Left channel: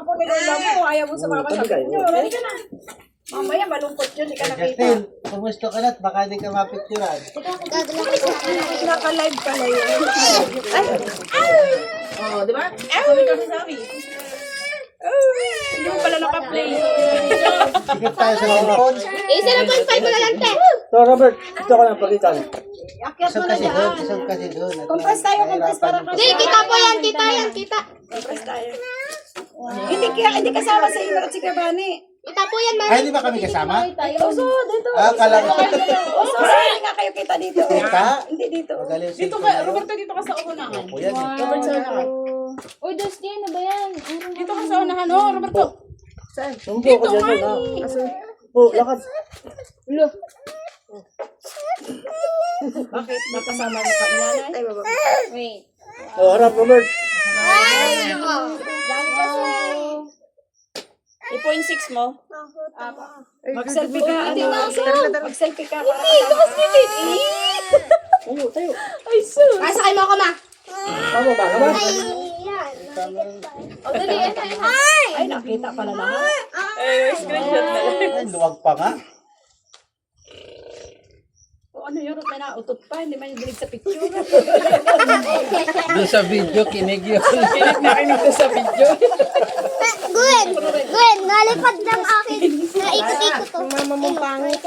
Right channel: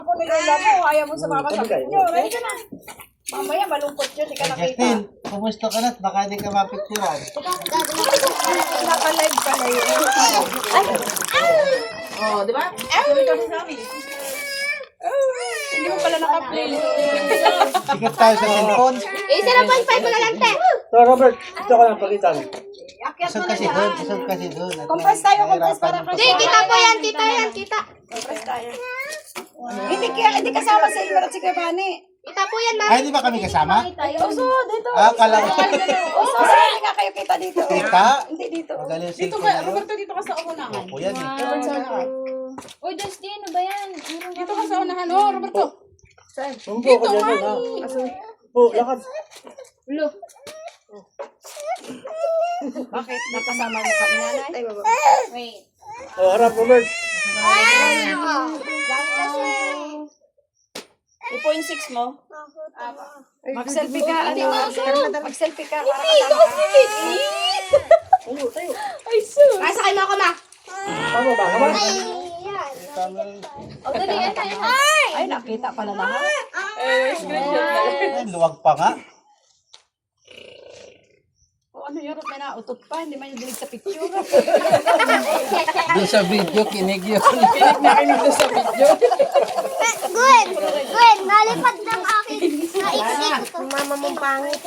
apo ni Lola mo. Ayaw mo sumama sa picture. Ready ka na. Mamaya malungkot yun. Di ka nakita. Justin, kumusta ka na? Baka di ka mapicturan. Naka-live pala yun. Ay! Oh, di ba? Sabi ka sabi. Hindi mo pala naka-play. Sikap tayo sa cellphone. Cellphone 5 na lang, te. So, Robert, ito ko lang palitan. Akyat Isang mo na kasi yan. doon, isang kasi doon. At Compress tayo, compress nahihirapan para yung Hindi, kita po yan, kita. Compress tayo. Hindi kasama sa iyo at si Kabani. Kita po yan, Ay, di ba kami kasama? Oso, dito. Ah, kala ko. Oso, saan nga kayo kita dito? Kita? Hindi dito. Magaling Dito cellphone ka, na yun. Roberto, dito ka sa unahan. Opo, yan eh. Robert, saan ka? Uy, Dusty, ano ba yan? Dito ka sa unahan, oh, Roberto. Saan? Sumpo ko dyan yun, ha? Po, lakad. Ulo. Bakit? Napasama niyo ka inanay? Ay, baba. Wait. Oh, harap, Robert. I-0.6 mo? Mag-selfie ka. Hindi ano? na, Mag-selfie ka. Hindi, tapos bibig. Tayo, tayo. Ay, sus. Ay, sakay mo ako, ma. Tama ba? Naman? O, dali, Ay, nakita pala lahat. Ay, luwag pa nga. O ano yun, may nautot pa. Hindi man yung dinig sa picture. Doon sa video, kinig yun. Nakinig na sa video. Gwen, nalipad ng akin. Naikot-ikot to. Mama mong pangit.